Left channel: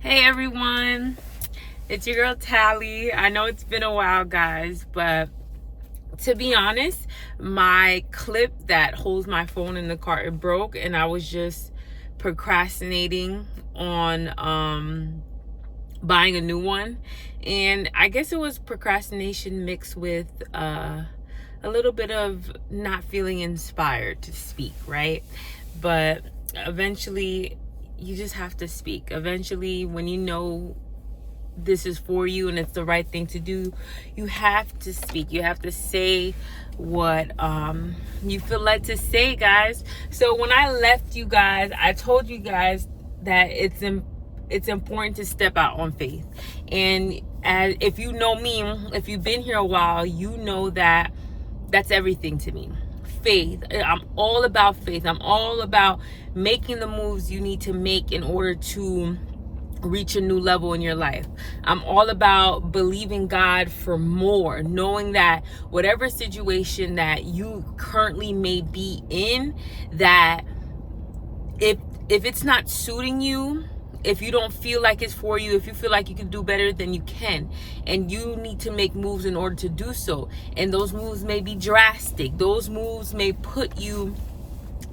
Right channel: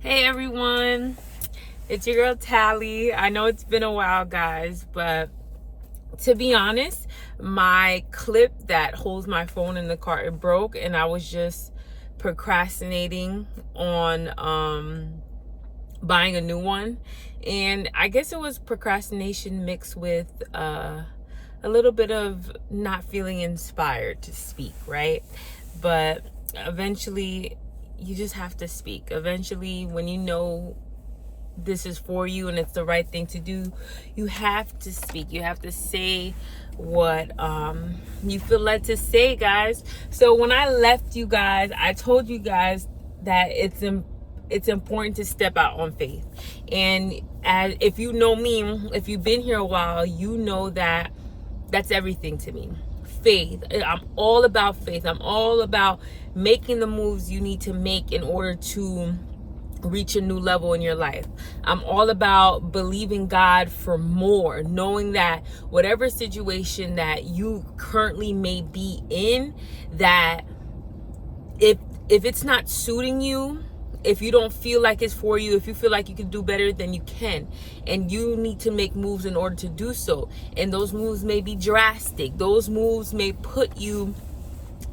Hey everyone, it's your girl Tally. I know it's been a while, guys, but to be honest, my clip that holds my phone in the car, it broke, and I was just procrastinating on buying a new one. And I guess it was procrastination mixed with a little bit of not feeling inspired to speak, right? But eventually you just have to speak. Eventually, when you know this is for you and it's the right thing to do, you have to speak. You have to say what you feel like to say, guys. So when I left you guys, I told you guys that it's important to step out on faith. And if you know me, if you've been here a while, you know that that's everything to me. Faith. I'm all about faith. I'm all about making the moves you need to make in order to reach a new level in your life. I'm all about believing God for more, knowing that whatever situation that you currently may be in, that if it's not suiting you, if you don't feel like it's for you, if you feel like you can do better, then you can. And you need to make moves in order to do so. And those moves may be drastic. Those moves may put you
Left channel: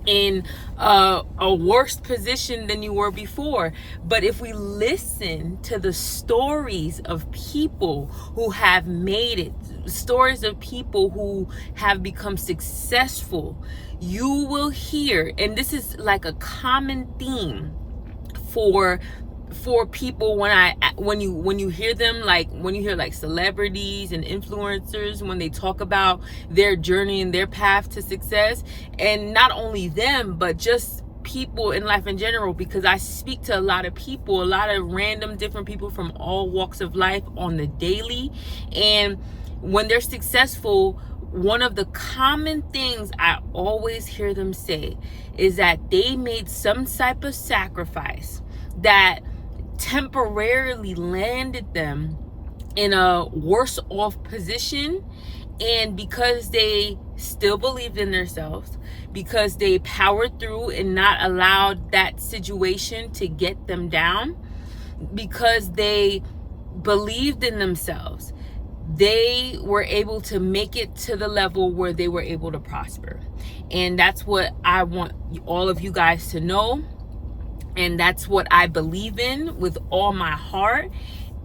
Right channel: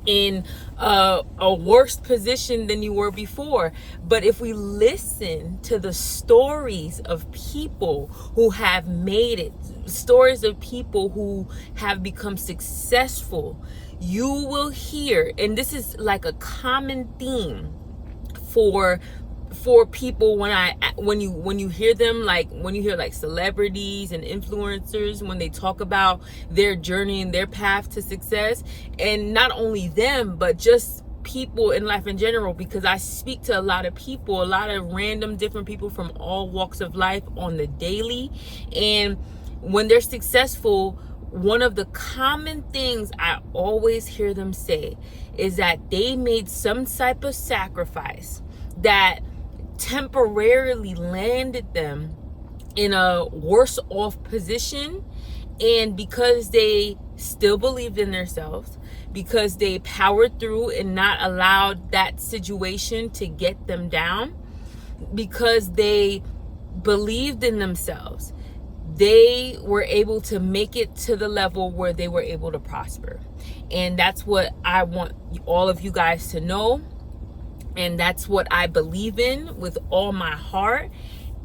in a worse position than you were before. But if we listen to the stories of people who have made it, stories of people who have become successful, you will hear, and this is like a common theme for people when you hear them, like when you hear like celebrities and influencers, when they talk about their journey and their path to success. And not only them, but just people in life in general, because I speak to a lot of people, a lot of random different people from all walks of life on the daily. And when they're successful, one of the common things I always hear them say is that they made some type of sacrifice that temporarily landed them in a worse off position. And because they still believed in themselves, because they powered through and not allowed that situation to get them down, because they believed in themselves, they were able to make it to the level where they were able to prosper. And that's what I want all of you guys to know. And that's what I believe in with all my heart.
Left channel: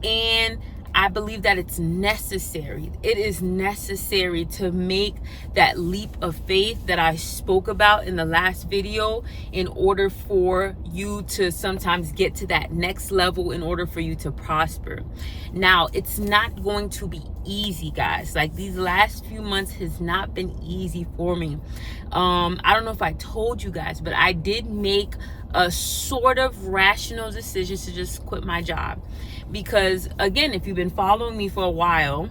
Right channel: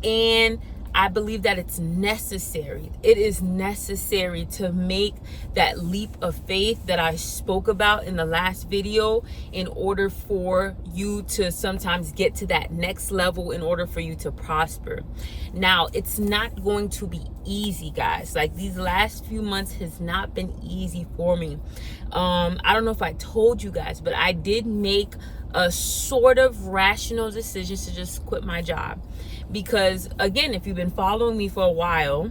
And I believe that it's necessary. It is necessary to make that leap of faith that I spoke about in the last video in order for you to sometimes get to that next level, in order for you to prosper. Now, it's not going to be easy, guys. Like, these last few months has not been easy for me. I don't know if I told you guys, but I did make a sort of rational decision to just quit my job. Because again, if you've been following me for a while,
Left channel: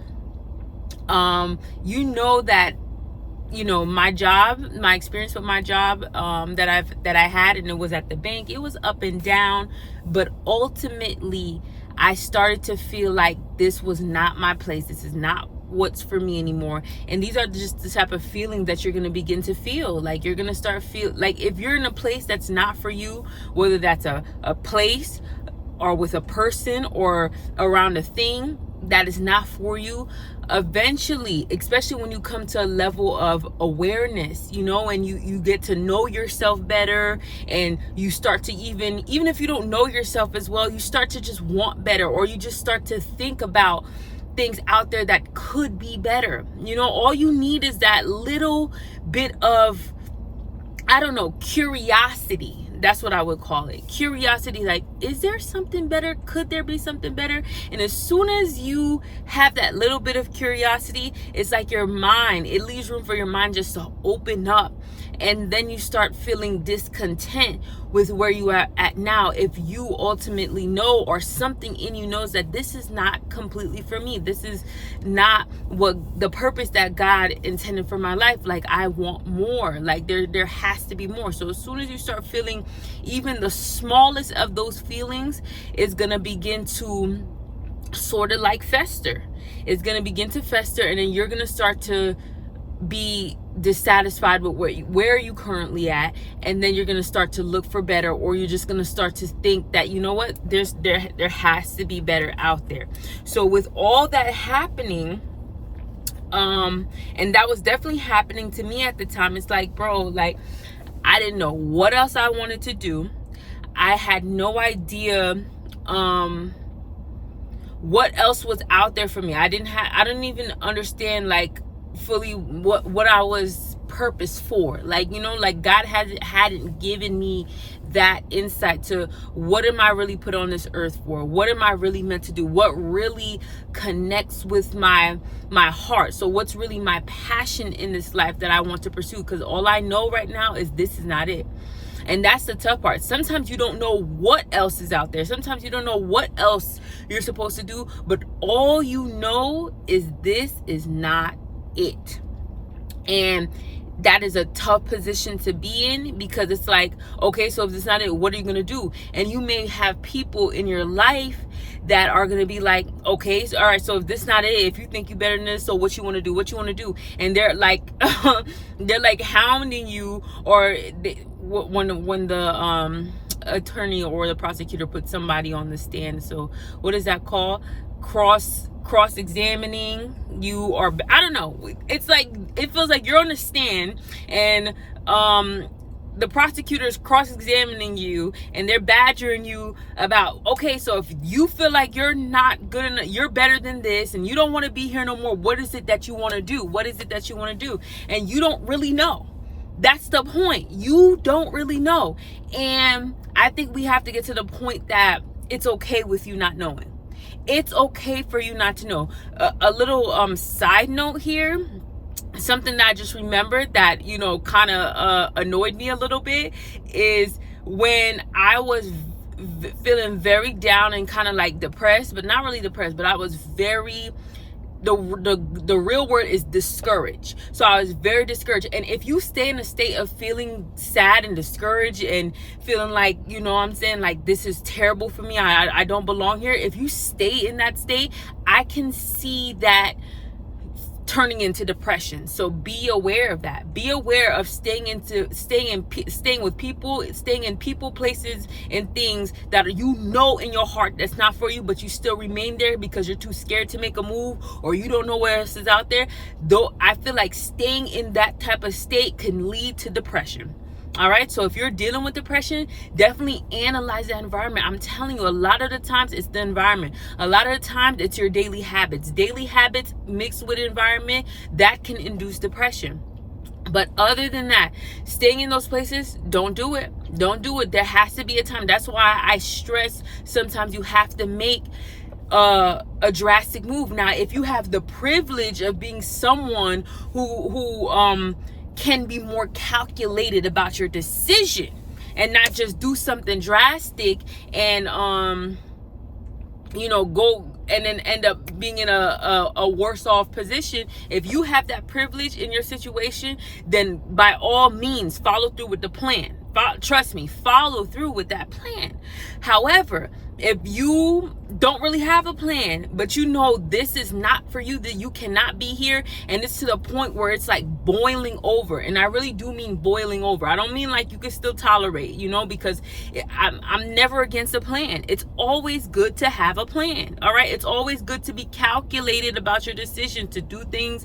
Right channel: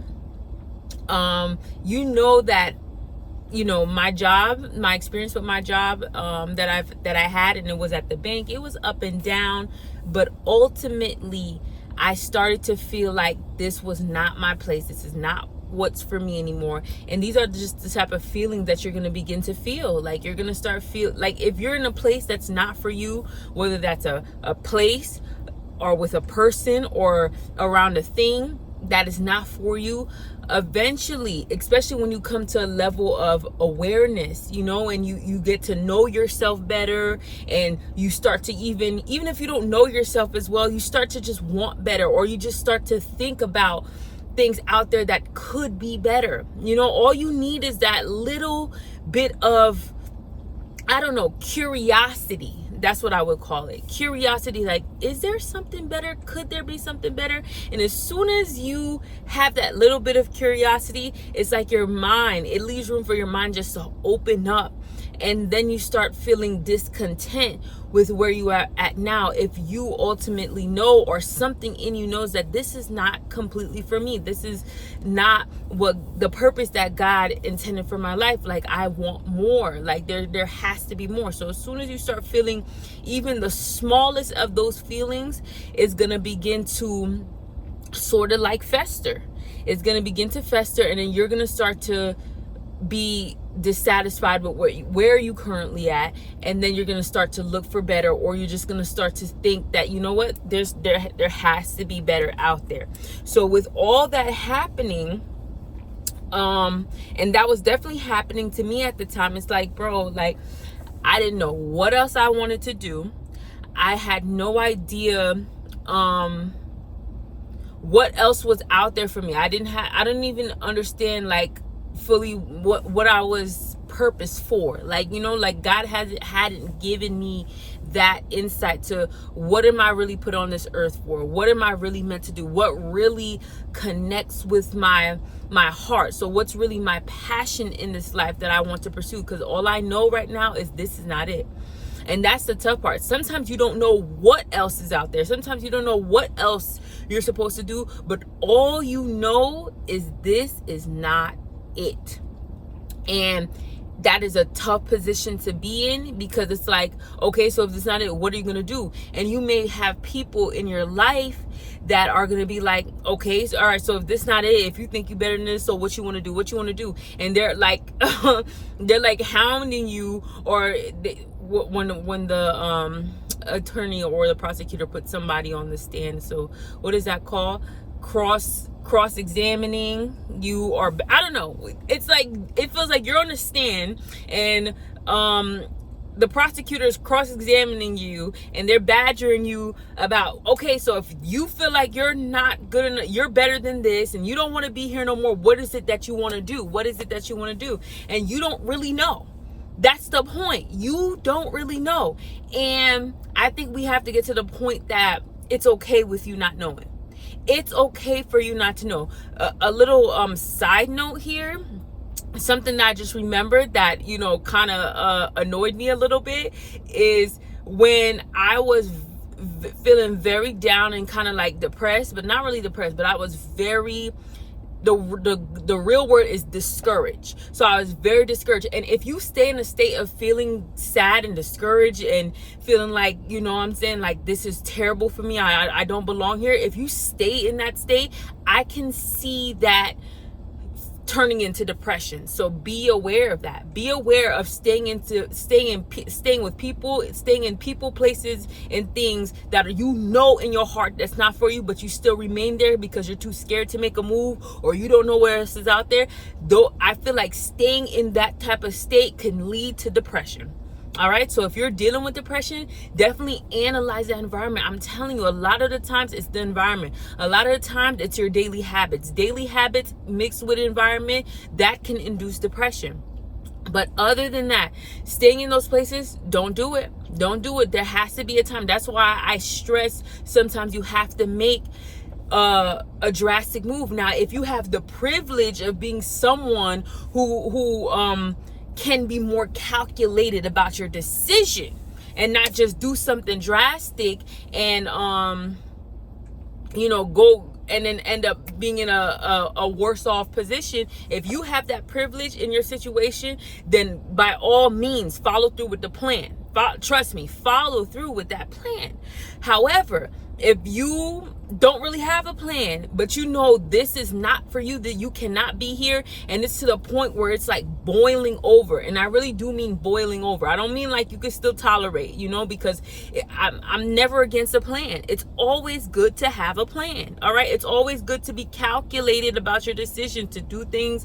you know that, you know, my job, my experience with my job that I had, and it was at the bank, it was up and down. But ultimately, I started to feel like this was not my place. This is not what's for me anymore. And these are just the type of feelings that you're going to begin to feel. Like, you're going to start feel like if you're in a place that's not for you, whether that's a place or with a person or around a thing that is not for you, eventually, especially when you come to a level of awareness, you know, and you get to know yourself better, and you start to even if you don't know yourself as well, you start to just want better, or you just start to think about things out there that could be better. You know, all you need is that little bit of, I don't know, curiosity. That's what I would call it. Curiosity, like, is there something better? Could there be something better? And as soon as you have that little bit of curiosity, it's like your mind, it leaves room for your mind just to open up. And then you start feeling discontent with where you are at now, if you ultimately know, or something in you knows, that this is not completely for me. This is not what the purpose that God intended for my life. Like, I want more. Like, there has to be more. So as soon as you start feeling even the smallest of those feelings, is going to begin to sort of like fester. It's going to begin to fester, and then you're going to start to be dissatisfied with where you currently at, and then you're going to start to look for better, or you're just going to start to think that, you know what, there has to be better out there. So with all that happening, and that was definitely happening to me at the time, it's like, bro, like, I didn't know what else I wanted to do. I had no idea what else was out there for me. I didn't even understand like fully what I was purpose for. Like, you know, like God hadn't given me that insight to what am I really put on this earth for? What am I really meant to do? What really connects with my heart? So what's really my passion in this life that I want to pursue? Because all I know right now is this is not it. And that's the tough part. Sometimes you don't know what else is out there. Sometimes you don't know what else you're supposed to do. But all you know is this is not it. And that is a tough position to be in, because it's like, okay, so if it's not it, what are you going to do? And you may have people in your life that are going to be like, okay, so, all right, so if this not it, if you think you better than this, so what you want to do? What you want to do? And they're like, they're like hounding you, or when the attorney or the prosecutor puts somebody on the stand. So what is that called? Cross-examining you, or I don't know. It's like, it feels like you're on the stand and the prosecutor is cross-examining you, and they're badgering you about, okay, so if you feel like you're not good enough, you're better than this, and you don't want to be here no more, what is it that you want to do? What is it that you want to do? And you don't really know. That's the point. You don't really know. And I think we have to get to the point that it's okay with you not knowing. It's okay for you not to know. A little side note here, something that I just remembered that, you know, kind of annoyed me a little bit, is when I was feeling very down and kind of like depressed, but not really depressed, but I was very, the real word is discouraged. So I was very discouraged. And if you stay in a state of feeling sad and discouraged and feeling like, you know what I'm saying, like this is terrible for me, I don't belong here, if you stay in that state, I can see that turning into depression. So be aware of that. Be aware of staying with people, staying in people, places, and things that you know in your heart that's not for you, but you still remain there because you're too scared to make a move, or you don't know where else is out there. Though I feel like staying in that type of state can lead to depression. All right. So if you're dealing with depression, definitely analyze that environment. I'm telling you, a lot of the times it's the environment. A lot of the times it's your daily habits. Daily habits mixed with environment that can induce depression. But other than that, staying in those places, don't do it. Don't do it. There has to be a time. That's why I stress sometimes you have to make a drastic move. Now, if you have the privilege of being someone who can be more calculated about your decision and not just do something drastic and you know, go and then end up being in a worse off position. If you have that privilege in your situation, then by all means follow through with the plan. Trust me, follow through with that plan. However, if you don't really have a plan, but you know this is not for you, that you cannot be here, and it's to the point where it's like boiling over, and I really do mean boiling over. I don't mean like you could still tolerate, you know, because I'm never against a plan. It's always good to have a plan, all right? It's always good to be calculated about your decision to do things.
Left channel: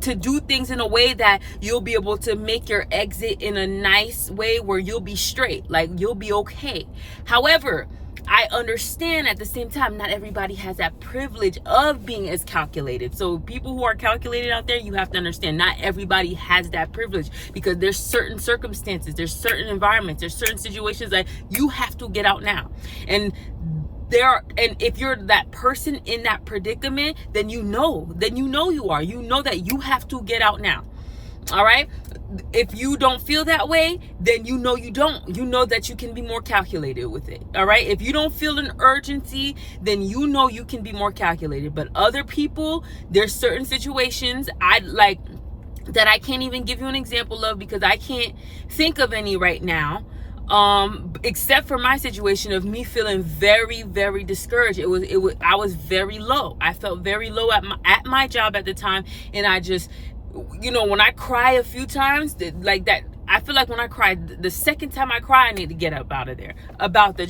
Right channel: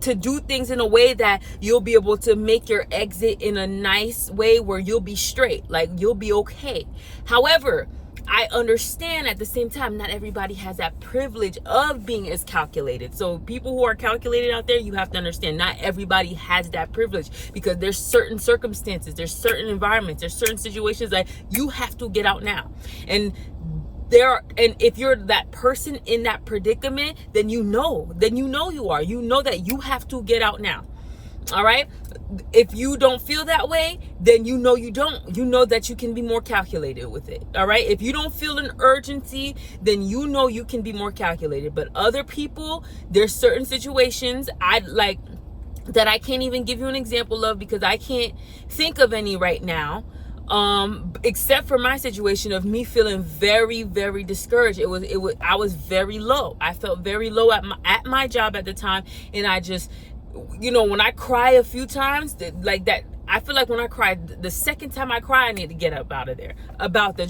To do things in a way that you'll be able to make your exit in a nice way where you'll be straight, like you'll be okay. However, I understand at the same time, not everybody has that privilege of being as calculated. So people who are calculated out there, you have to understand, not everybody has that privilege, because there's certain circumstances, there's certain environments, there's certain situations that you have to get out now. And if you're that person in that predicament, then you know you know that you have to get out now. All right. If you don't feel that way, then you know that you can be more calculated with it. All right. If you don't feel an urgency, then you know you can be more calculated. But other people, there's certain situations that I can't even give you an example of, because I can't think of any right now. Except for my situation of me feeling very, very discouraged. I was very low. I felt very low at my job at the time, and I just you know, when I cry a few times, like that, I feel like when I cry, the second time I cry, I need to get up out of there about the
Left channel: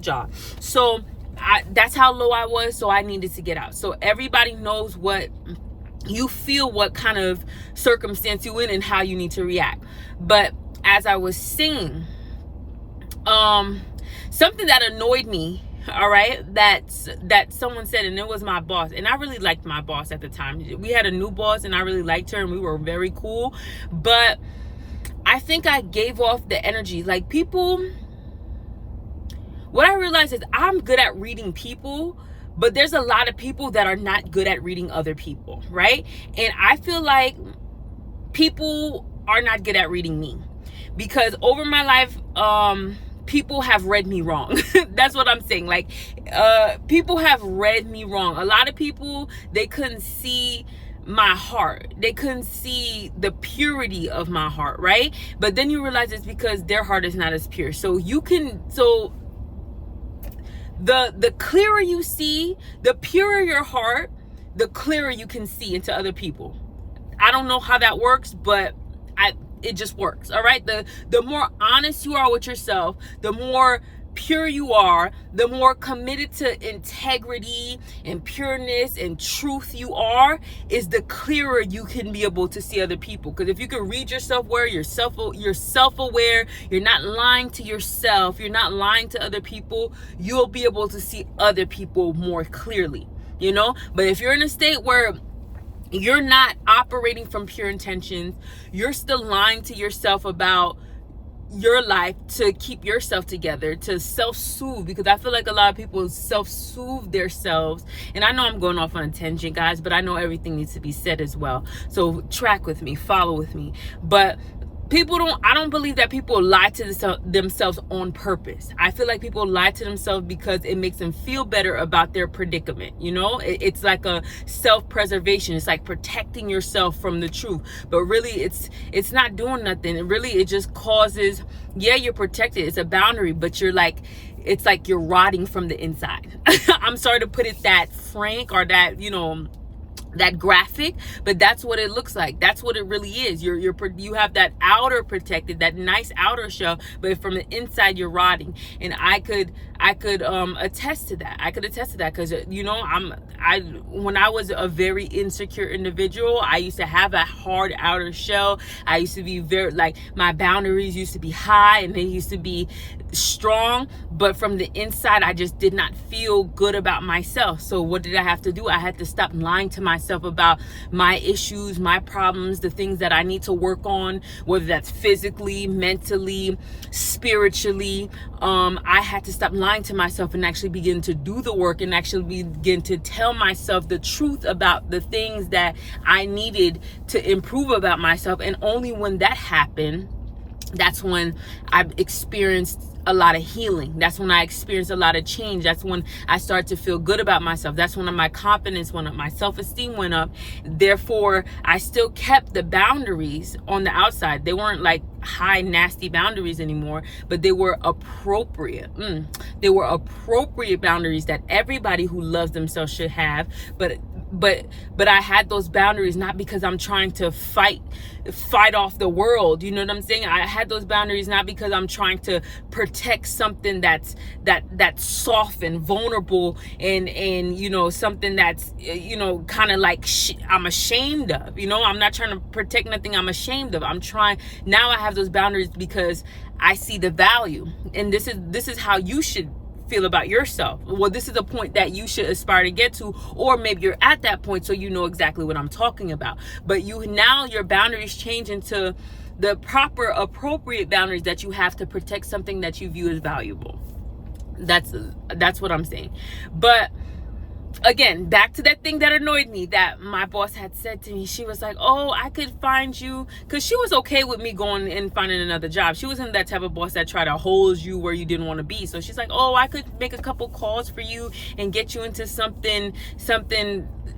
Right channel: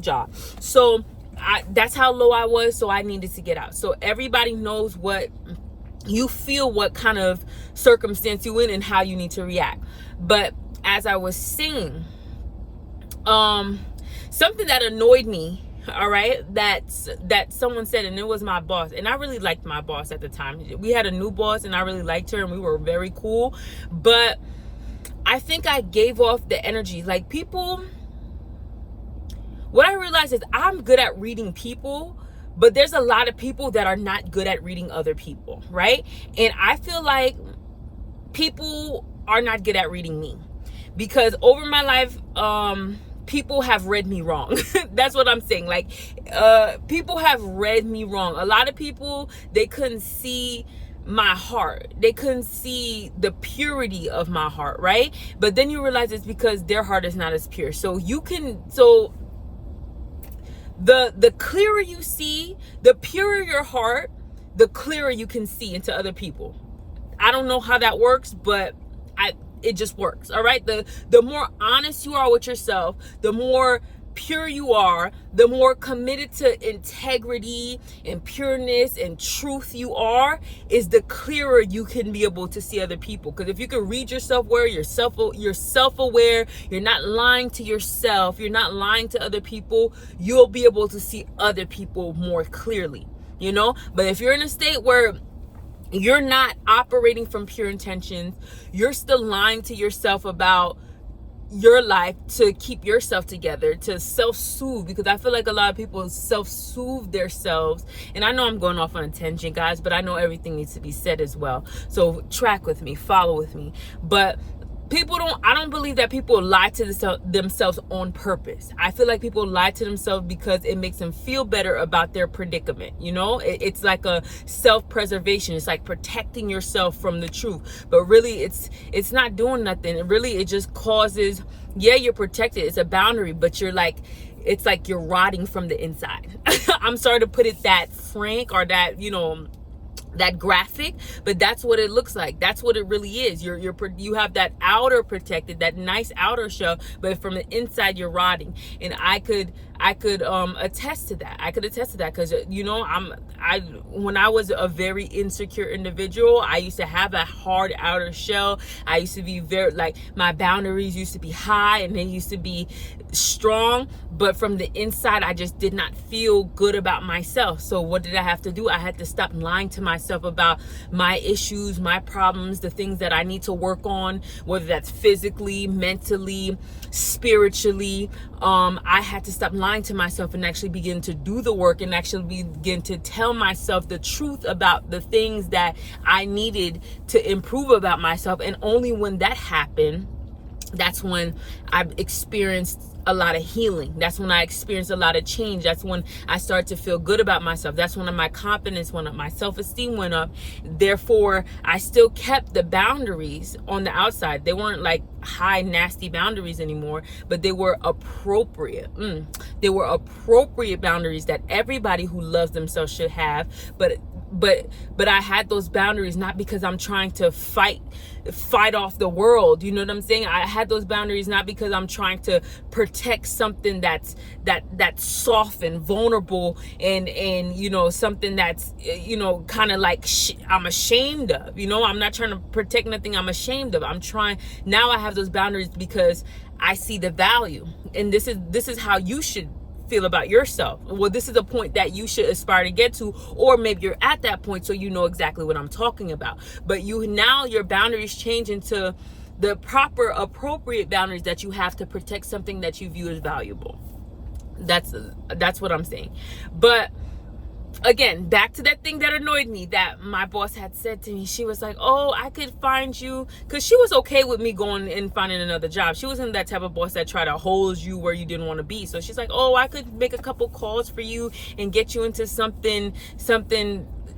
job. So that's how low I was. So I needed to get out. So everybody knows what you feel, what kind of circumstance you in, and how you need to react. But as I was saying, something that annoyed me, all right, that someone said, and it was my boss, and I really liked my boss at the time. We had a new boss, and I really liked her, and we were very cool. But I think I gave off the energy, like, people, what I realized is I'm good at reading people, but there's a lot of people that are not good at reading other people, right? And I feel like people are not good at reading me, because over my life, people have read me wrong. That's what I'm saying. Like, people have read me wrong. A lot of people, they couldn't see my heart. They couldn't see the purity of my heart, right? But then you realize it's because their heart is not as pure. So the clearer you see, the purer your heart, the clearer you can see into other people. I don't know how that works, but it just works. All right. The more honest you are with yourself, the more pure you are, the more committed to integrity and pureness and truth you are, is the clearer you can be able to see other people. Because if you can read yourself where you're self-aware, you're not lying to yourself, you're not lying to other people, you'll be able to see other people more clearly, you know? But if you're in a state where you're not operating from pure intentions, you're still lying to yourself about your life to keep yourself together, to self-soothe, because I feel like a lot of people self-soothe themselves. And I know I'm going off on a tangent, guys, but I know everything needs to be said as well. So track with me, follow with me. But I don't believe that people lie to themselves on purpose. I feel like people lie to themselves because it makes them feel better about their predicament. You know, it's like a self-preservation. It's like protecting yourself from the truth. But really, it's not doing nothing. It just causes, yeah, you're protected. It's a boundary, but it's like you're rotting from the inside. I'm sorry to put it that frank, or that, you know, that graphic, but that's what it looks like. That's what it really is. You have that outer protected, that nice outer shell, but from the inside you're rotting. And I could attest to that. I could attest to that, because, you know, when I was a very insecure individual, I used to have a hard outer shell. I used to be very, like, my boundaries used to be high and they used to be strong, but from the inside I just did not feel good about myself. So what did I have to do? I had to stop lying to myself about my issues, my problems, the things that I need to work on, whether that's physically, mentally, spiritually. I had to stop lying to myself and actually begin to do the work, and actually begin to tell myself the truth about the things that I needed to improve about myself. And only when that happened, that's when I experienced a lot of healing. That's when I experienced a lot of change. That's when I started to feel good about myself. That's when my confidence went up, my self-esteem went up. Therefore, I still kept the boundaries on the outside. They weren't like high, nasty boundaries anymore, but they were appropriate. They were appropriate boundaries that everybody who loves themselves should have. But I had those boundaries not because I'm trying to fight off the world. You know what I'm saying? I had those boundaries not because I'm trying to protect something that's soft and vulnerable, and you know, something that's, you know, kind of like I'm ashamed of. You know, I'm not trying to protect nothing I'm ashamed of. Now I have those boundaries because I see the value, and this is how you should feel about yourself. Well, this is a point that you should aspire to get to, or maybe you're at that point, so you know exactly what I'm talking about. But now your boundaries change into the proper, appropriate boundaries that you have to protect something that you view as valuable. That's what I'm saying. But again, back to that thing that annoyed me that my boss had said to me. She was like, oh, I could find you, because she was okay with me going and finding another job. She wasn't that type of boss that tried to hold you where you didn't want to be. So she's like, oh, I could make a couple calls for you and get you into something.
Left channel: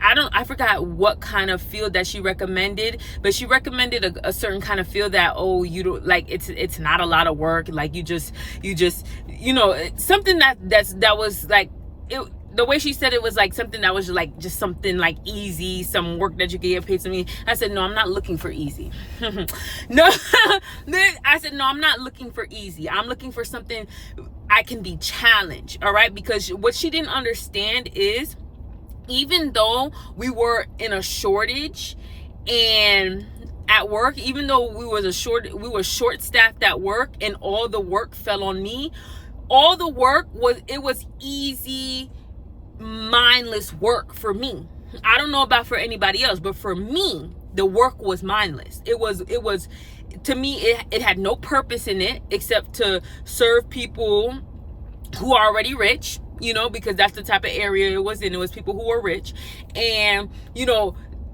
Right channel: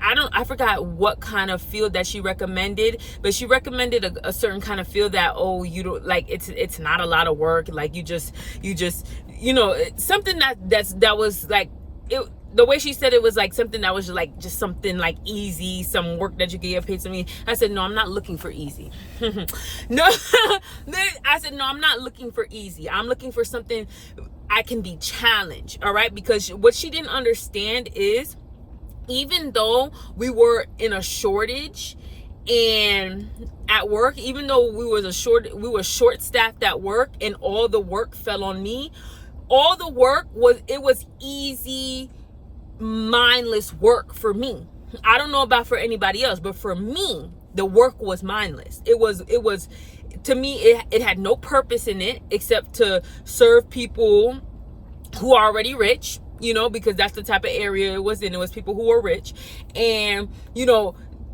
I forgot what kind of field that she recommended, but she recommended a certain kind of field that, oh, you don't like, it's not a lot of work. Like you just, you know, something that was like, the way she said it was like something that was like just something like easy, some work that you could get paid something. I said, no, I'm not looking for easy. No, I said, no, I'm not looking for easy. I'm looking for something I can be challenged. All right. Because what she didn't understand is, even though we were in a shortage and at work, even though we were short staffed at work and all the work fell on me, all the work was easy, mindless work for me. I don't know about for anybody else, but for me, the work was mindless. It was to me, it had no purpose in it except to serve people who are already rich, because that's the type of area it was in. It was people who were rich, and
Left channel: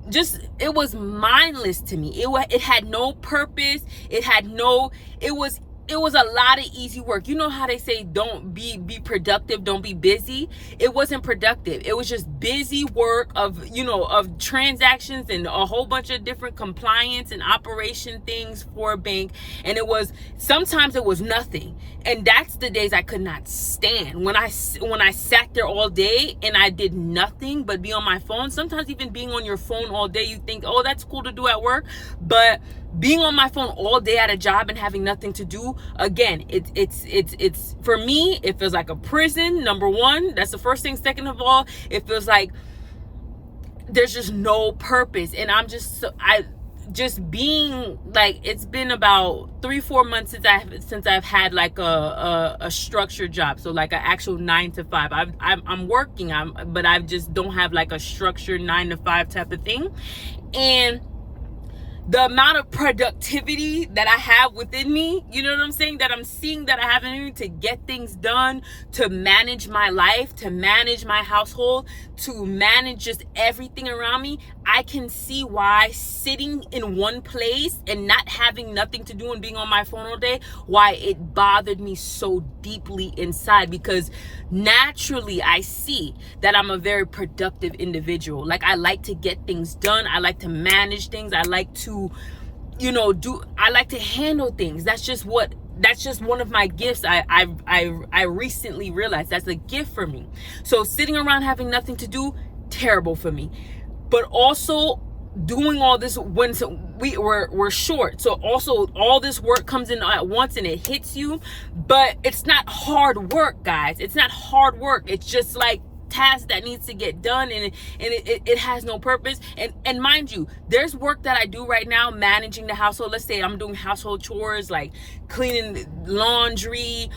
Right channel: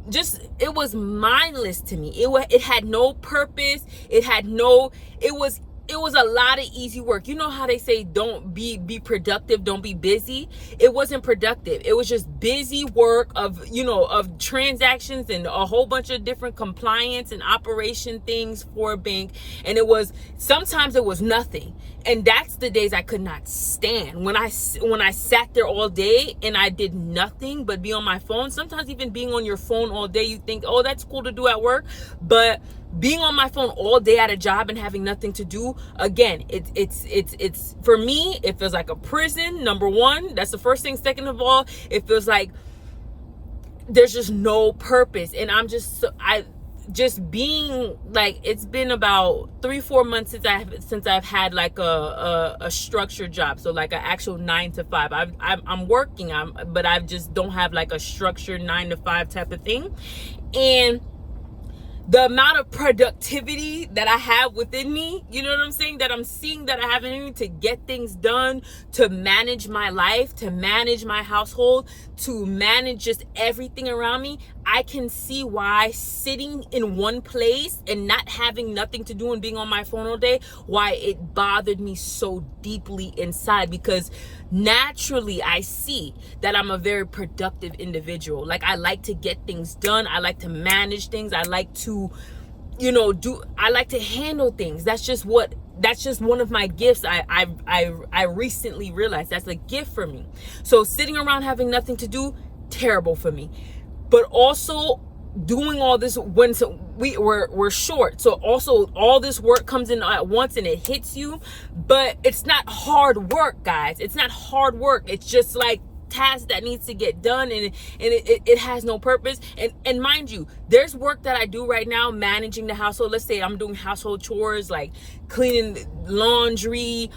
just, it was mindless to me. It had no purpose. It was a lot of easy work. You know how they say don't be productive, don't be busy? It wasn't productive. It was just busy work of transactions and a whole bunch of different compliance and operation things for a bank. And sometimes it was nothing. And that's the days I could not stand. When I sat there all day and I did nothing but be on my phone. Sometimes even being on your phone all day, you think, oh, that's cool to do at work. But being on my phone all day at a job and having nothing to do, again, it's for me, it feels like a prison. Number one, that's the first thing. Second of all, it feels like there's just no purpose. And just being like, it's been about 3-4 months since I've had like a structured job. So like an actual 9 to 5. I'm working, but I just don't have like a structured 9 to 5 type of thing. And the amount of productivity that I have within me, you know what I'm saying? That I'm seeing that I have in me to get things done, to manage my life, to manage my household, to manage just everything around me. I can see why sitting in one place and not having nothing to do and being on my phone all day, why it bothered me so deeply inside. Because naturally I see that I'm a very productive individual. Like, I like to get things done. I like to manage things. I like to, I like to handle things. That's just one of my gifts. I recently realized that's a gift for me. So sitting around having nothing to do, terrible for me. But also doing all this when we're short. So also all this work comes in at once and it hits you. But it's not hard work, guys. It's not hard work. It's just like task that needs to get done, and it has no purpose. And mind you, there's work that I do right now managing the household. Let's say I'm doing household chores like cleaning laundry,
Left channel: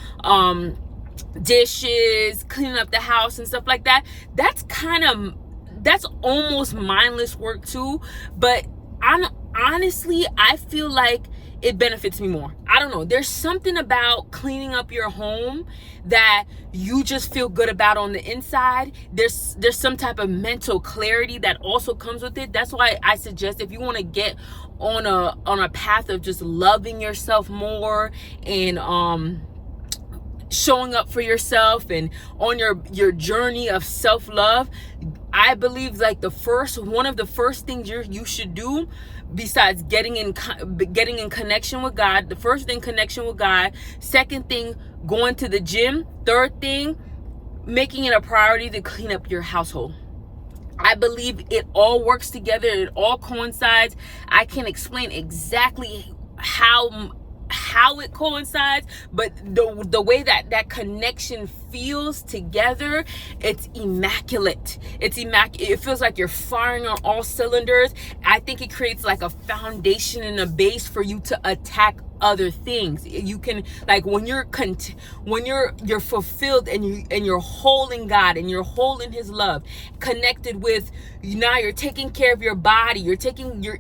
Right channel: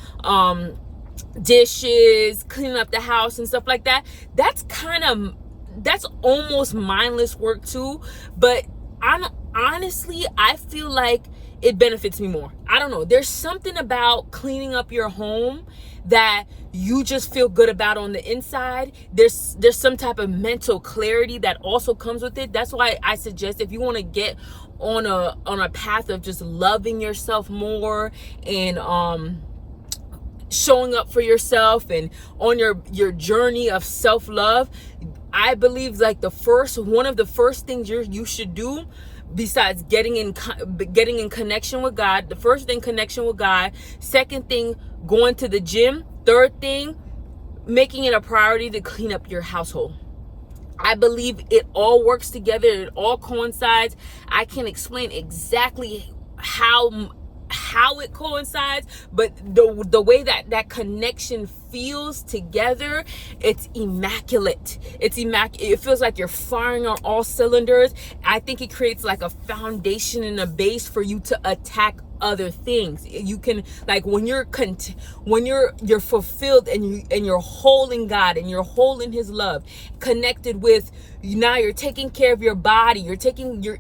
dishes, cleaning up the house and stuff like that. That's almost mindless work too. But honestly, I feel like it benefits me more. I don't know. There's something about cleaning up your home that you just feel good about on the inside. There's some type of mental clarity that also comes with it. That's why I suggest, if you want to get on a path of just loving yourself more and showing up for yourself and on your journey of self-love, I believe like one of the first things you should do, besides getting in connection with God, the first thing, connection with God. Second thing, going to the gym. Third thing, making it a priority to clean up your household. I believe it all works together. It all coincides. I can't explain exactly how it coincides, but the way that connection feels together, it's immaculate. It feels like you're firing on all cylinders. I think it creates like a foundation and a base for you to attack other things. You can, like, when you're fulfilled and you're whole in God and you're whole in His love, connected with, now you're taking care of your body, you're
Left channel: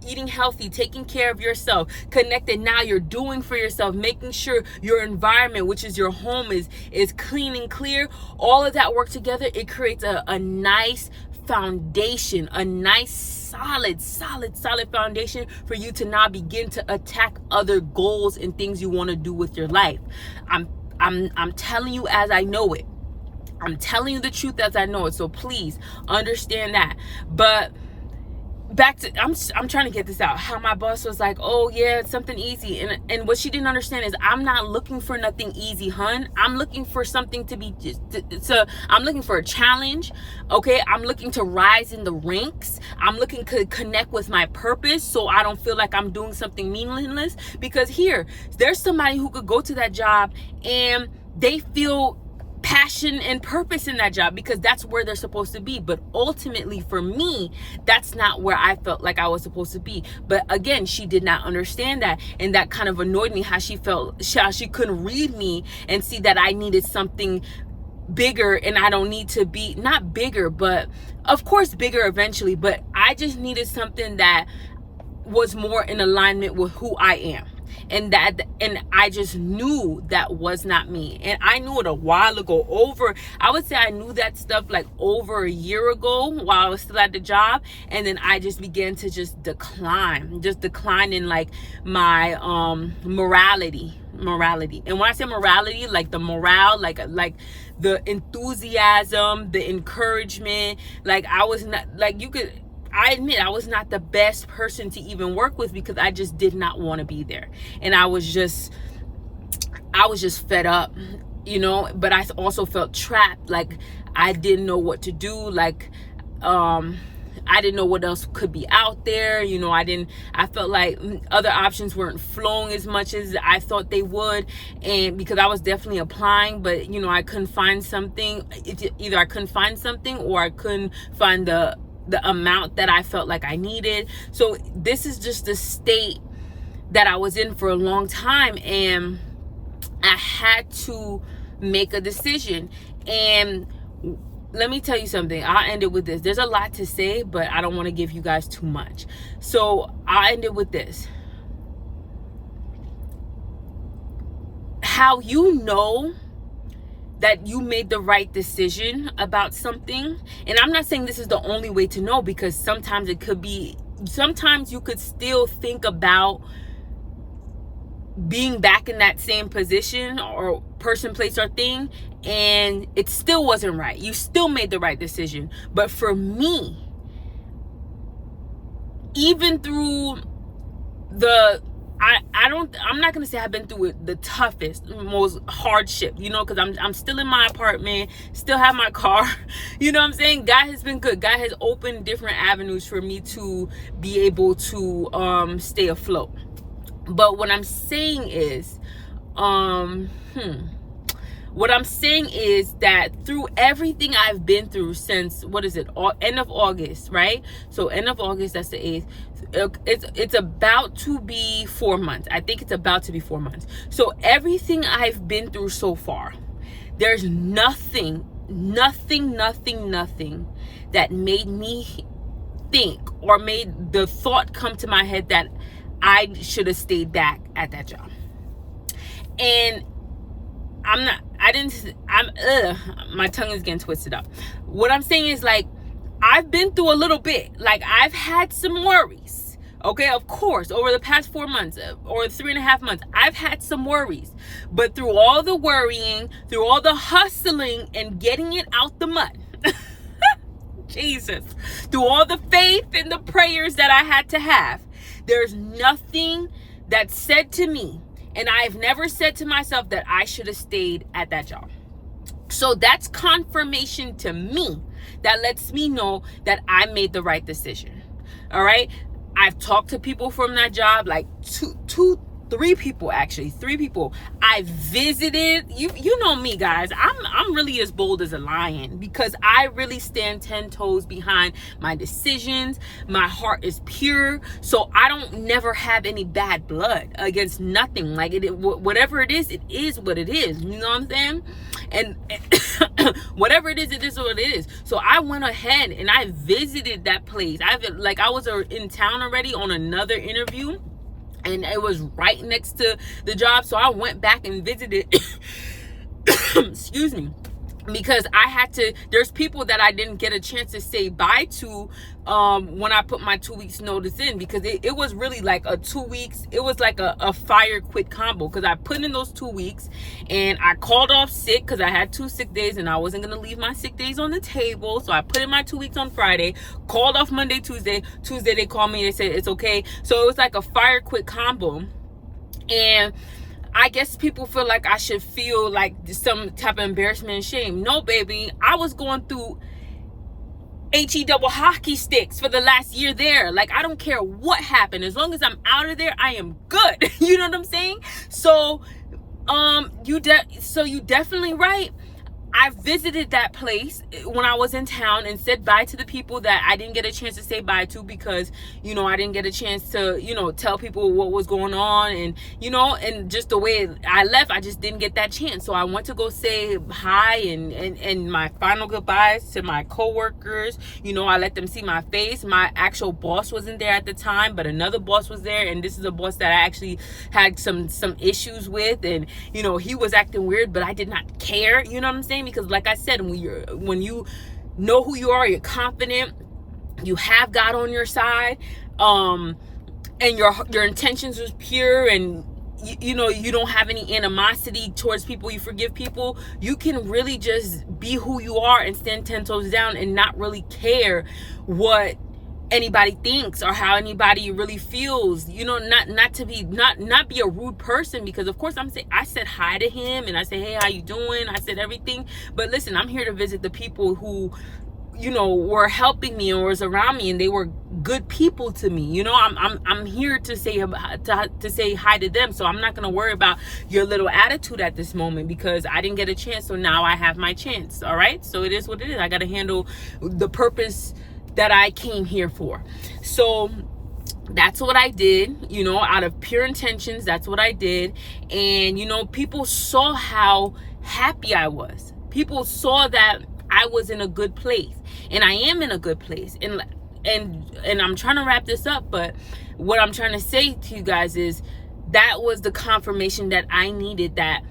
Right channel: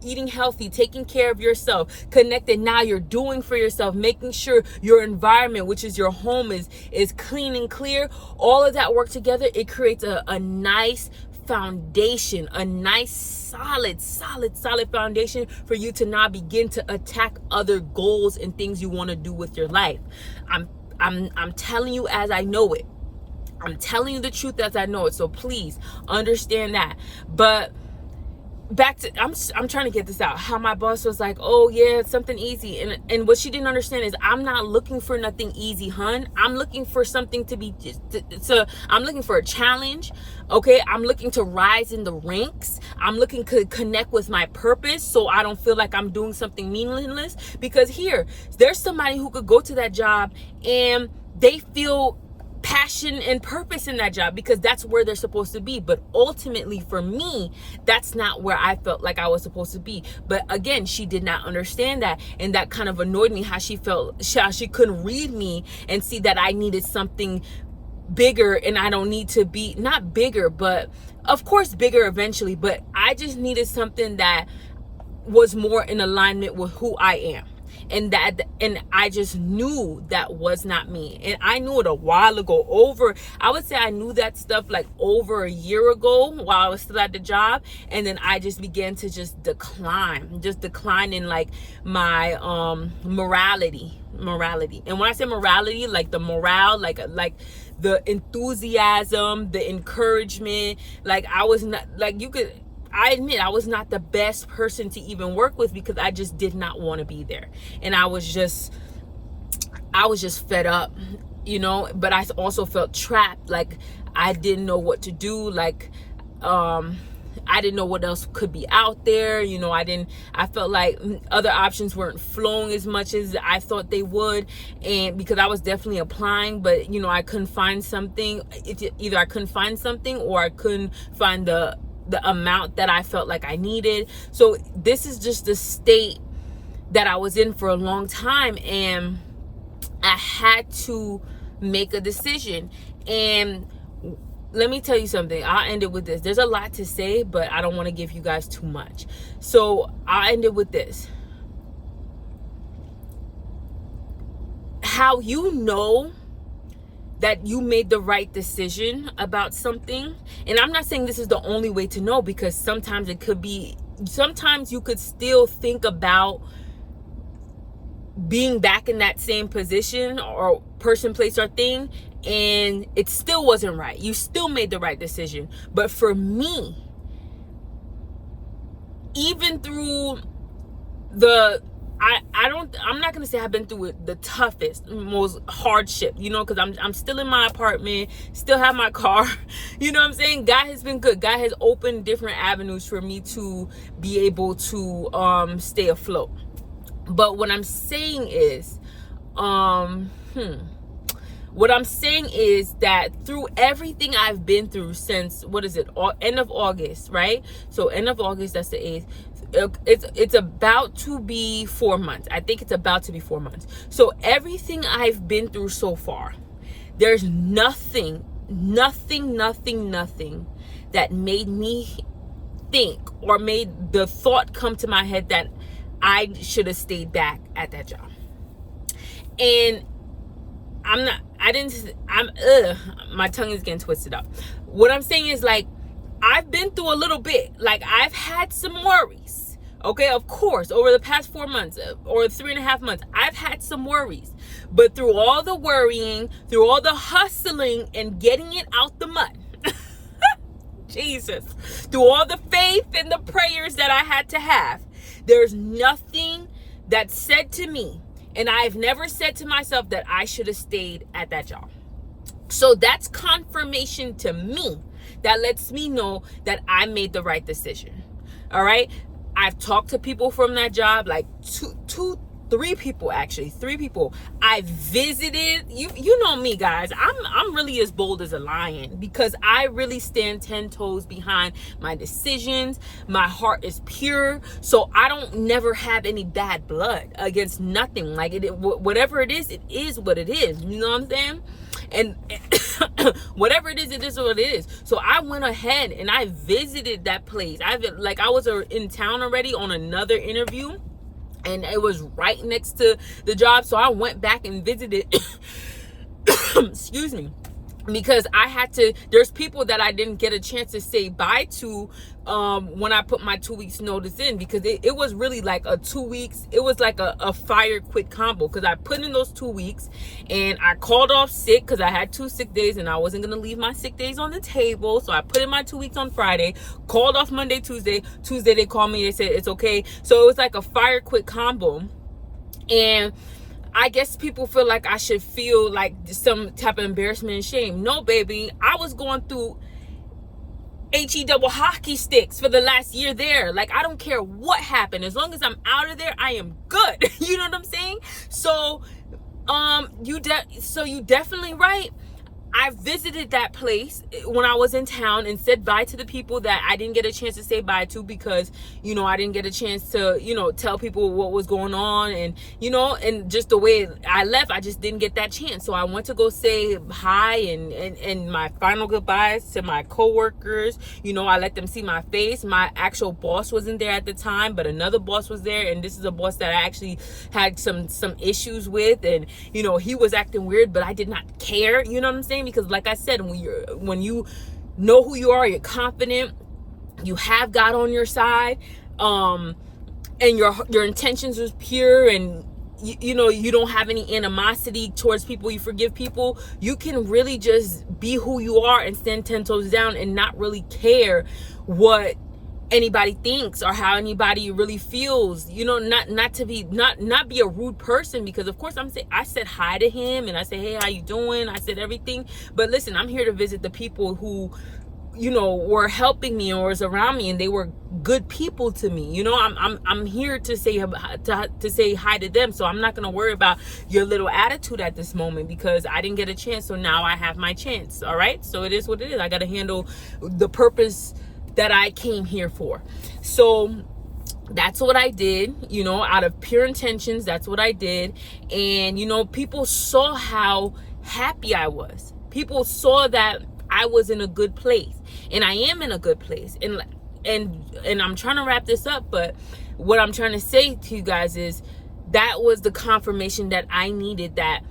eating healthy, taking care of yourself, connected, now you're doing for yourself, making sure your environment, which is your home, is clean and clear. All of that work together, it creates a nice foundation, a nice solid foundation for you to now begin to attack other goals and things you want to do with your life. I'm telling you as I know it. I'm telling you the truth as I know it. So please understand that. But back to, I'm trying to get this out, how my boss was like, oh yeah, it's something easy, and what she didn't understand is I'm not looking for nothing easy, hun. I'm looking for something to be I'm looking for a challenge. Okay, I'm looking to rise in the ranks. I'm looking to connect with my purpose, so I don't feel like I'm doing something meaningless. Because here, there's somebody who could go to that job and they feel passion and purpose in that job because that's where they're supposed to be. But ultimately for me, that's not where I felt like I was supposed to be. But again, she did not understand that, and that kind of annoyed me, how she felt, how she couldn't read me and see that I needed something bigger, and I don't need to be, not bigger, but of course bigger eventually, but I just needed something that was more in alignment with who I am. And I just knew that was not me. And I knew it a while ago. I would say I knew that stuff like over a year ago while I was still at the job. And then I just began to just decline in like my morality. And when I say morality, like the morale, like the enthusiasm, the encouragement, like I was not, like, I admit I was not the best person to even work with because I just did not want to be there. And I was just fed up, you know, but I also felt trapped. Like I didn't know what to do. Like, I didn't know what else could be out there. You know, I felt like other options weren't flowing as much as I thought they would. And because I was definitely applying, but you know, I couldn't find something. Either I couldn't find something or I couldn't find the amount that I felt like I needed. So this is just the state that I was in for a long time, and I had to make a decision. And let me tell you something. I'll end it with this. There's a lot to say, but I don't want to give you guys too much. So I'll end it with this. How you know that you made the right decision about something. And I'm not saying this is the only way to know, because sometimes you could still think about being back in that same position or person, place, or thing, and it still wasn't right. You still made the right decision. But for me, even through I'm not gonna say I've been through the toughest, most hardship, you know, because I'm still in my apartment, still have my car, you know what I'm saying? God has been good. God has opened different avenues for me to be able to stay afloat. But what I'm saying is, that through everything I've been through since, end of August, right? So end of August, that's the 8th. It's about to be 4 months. I think it's about to be 4 months. So everything I've been through so far, there's nothing that made me think or made the thought come to my head that I should have stayed back at that job. And my tongue is getting twisted up. What I'm saying is, like, I've been through a little bit. Like, I've had some worries. Okay, of course, over the past 4 months or 3.5 months, I've had some worries. But through all the worrying, through all the hustling and getting it out the mud, Jesus, through all the faith and the prayers that I had to have, there's nothing that said to me, and I've never said to myself, that I should have stayed at that job. So that's confirmation to me. That lets me know that I made the right decision. All right. I've talked to people from that job, like three people. I visited. You know me, guys. I'm really as bold as a lion, because I really stand 10 toes behind my decisions. My heart is pure, so I don't never have any bad blood against nothing. Like whatever it is what it is. You know what I'm saying? And whatever it is what it is. So I went ahead and I visited that place. I was in town already on another interview, and it was right next to the job. So I went back and visited, excuse me. because I had to, there's people that I didn't get a chance to say bye to when I put my 2 weeks notice in, because it was really like a 2 weeks, it was like a fire quit combo, because I put in those 2 weeks and I called off sick because I had 2 sick days and I wasn't going to leave my sick days on the table. So I put in my 2 weeks on Friday, called off Monday, Tuesday they called me, they said it's okay. So it was like a fire quit combo. And I guess people feel like I should feel like some type of embarrassment and shame. No, baby. I was going through HE double hockey sticks for the last year there. Like, I don't care what happened. As long as I'm out of there, I am good. You know what I'm saying? So, you definitely right. I visited that place when I was in town and said bye to the people that I didn't get a chance to say bye to, because, you know, I didn't get a chance to, you know, tell people what was going on. And, you know, and just the way I left, I just didn't get that chance. So I went to go say hi and my final goodbyes to my coworkers. You know, I let them see my face. My actual boss wasn't there at the time, but another boss was there. And this is a boss that I actually had some issues with. And, you know, he was acting weird, but I did not care. You know what I'm saying? Because like I said, when you know who you are, you're confident, you have God on your side, and your intentions was pure, and you know, you don't have any animosity towards people, you forgive people, you can really just be who you are and stand 10 toes down and not really care what anybody thinks or how anybody really feels. You know, not be a rude person, because of course I said hi to him and I said, hey, how you doing? I said everything. But listen, I'm here to visit the people who, you know, were helping me or was around me, and they were good people to me. You know, I'm here to say hi to them. So I'm not going to worry about your little attitude at this moment, because I didn't get a chance. So now I have my chance. All right. So it is what it is. I got to handle the purpose that I came here for. So that's what I did, you know, out of pure intentions. That's what I did. And, you know, people saw how happy I was. People saw that I was in a good place, and I am in a good place. And I'm trying to wrap this up, but what I'm trying to say to you guys is that was the confirmation that I needed, that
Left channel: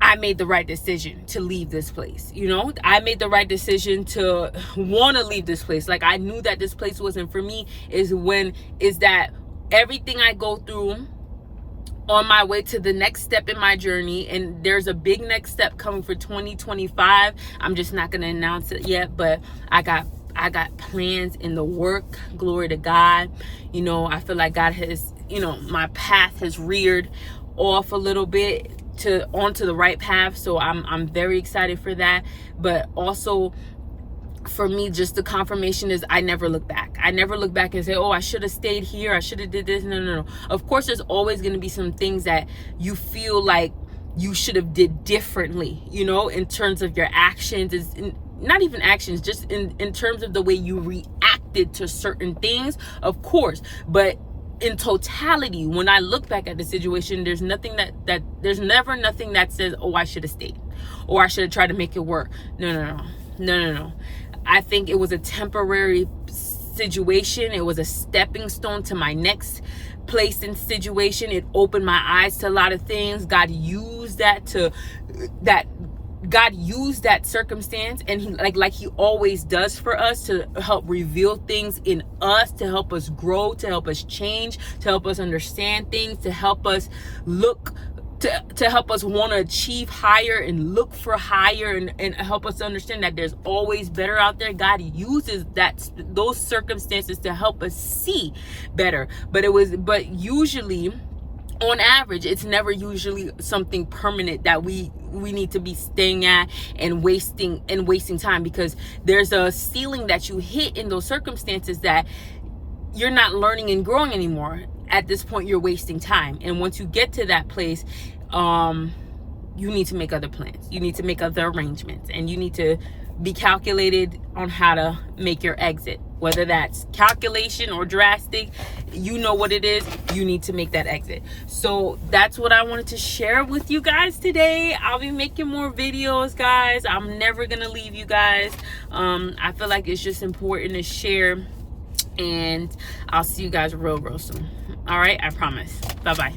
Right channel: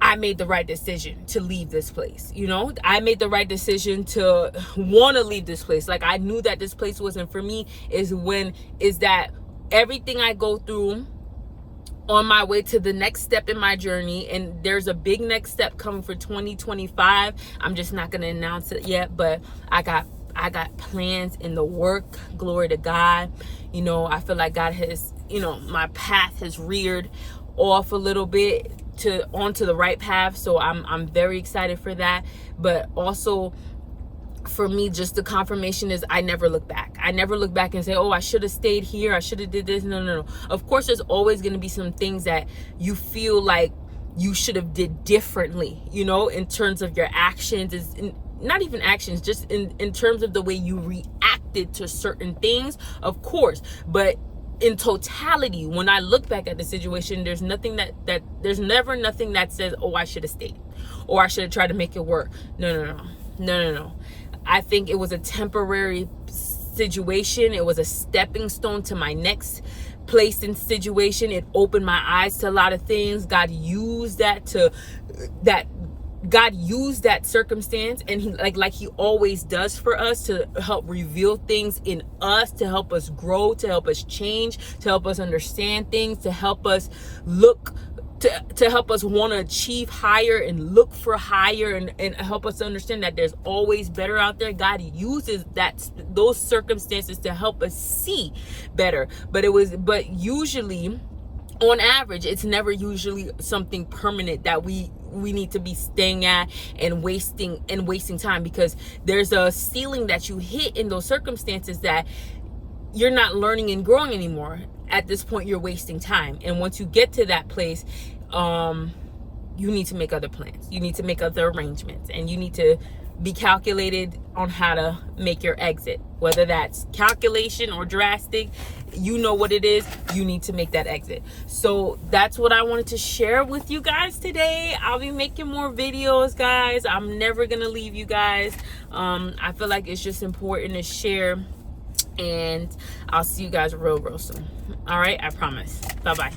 I made the right decision to leave this place. You know, I made the right decision to want to leave this place. Like, I knew that this place wasn't for me. Is that everything I go through on my way to the next step in my journey, and there's a big next step coming for 2025. I'm just not going to announce it yet, but I got plans in the work. Glory to God. You know, I feel like God has, you know, my path has reared off a little bit onto the right path. So I'm very excited for that. But also, for me, just the confirmation is I never look back. I never look back and say, oh, I should have stayed here, I should have did this. No. Of course, there's always going to be some things that you feel like you should have did differently, you know, in terms of your actions. Not even actions, just in terms of the way you reacted to certain things, of course. But in totality, when I look back at the situation, there's nothing there's never nothing that says, oh, I should have stayed, or I should have tried to make it work. No. I think it was a temporary situation. It was a stepping stone to my next place and situation. It opened my eyes to a lot of things. God used that circumstance, and he like he always does for us, to help reveal things in us, to help us grow, to help us change, to help us understand things, to help us look, to help us want to achieve higher and look for higher, and help us understand that there's always better out there. God uses those circumstances to help us see better. But usually, on average, it's never usually something permanent that we need to be staying at and wasting time, because there's a ceiling that you hit in those circumstances that you're not learning and growing anymore. At this point, you're wasting time. And once you get to that place, you need to make other plans. You need to make other arrangements, and you need to be calculated on how to make your exit. Whether that's calculation or drastic, you know what it is. You need to make that exit. So that's what I wanted to share with you guys today. I'll be making more videos, guys. I'm never gonna leave you guys. I feel like it's just important to share, and I'll see you guys real soon. All right, I promise. Bye-bye.